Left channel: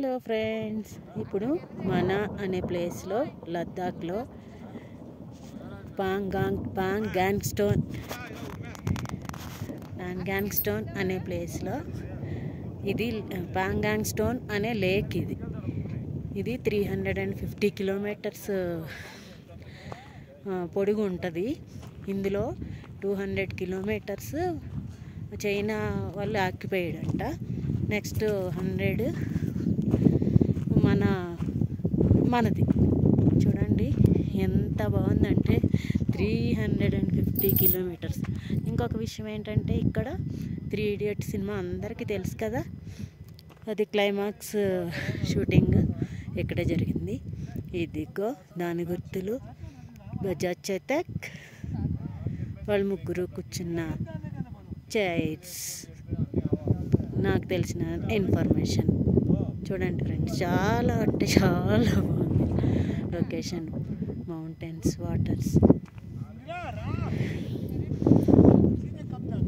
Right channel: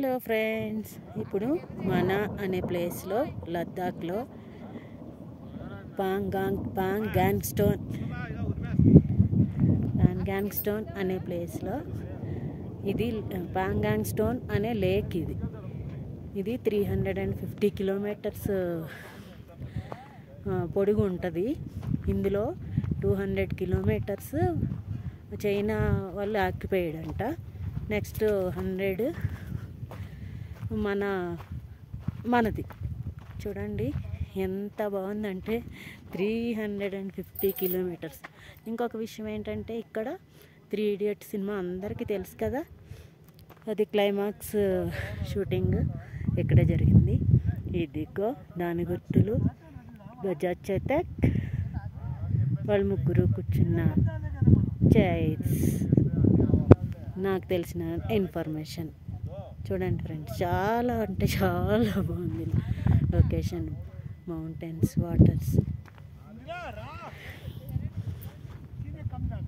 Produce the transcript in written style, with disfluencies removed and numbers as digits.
Hello friends, ఇప్పుడు మనా అనే ప్లేస్లో లద్దాఖ్లో పాంగాంగ్ స్టోన్ అనే ప్లేస్లో ఇది పాంగాంగ్ స్టోన్ అనే లేక్. ఇది 350 కిలోమీటర్స్ పొడుగు ఉంటుంది. ఇందులో 200 కిలోమీటర్స్ చైనా వాళ్ళు ఆక్యుపైడ్ అంట. నెక్స్ట్ 100 మనది. చూడండి ఎంత బాగుందంటే 350 కిలోమీటర్స్. ఇంకొక విషయం ఏంటంటే, ఇక్కడ 3 Idiots సినిమా అందరికీ తెలుసు కదా, అది క్లైమాక్స్ షూటింగ్ ఇక్కడే జరిగింది. ఇదిగో దాని గుర్తులు, బజాజ్ చేతక్, వాళ్ళు ముగ్గురు కూర్చున్న చైర్స్. నాకు తెలిసిన ఇన్ఫర్మేషన్ చూడండి ఫ్రెండ్స్, చాలా అంటే చాలా బాగుంది లొకేషన్. Mountains, waters.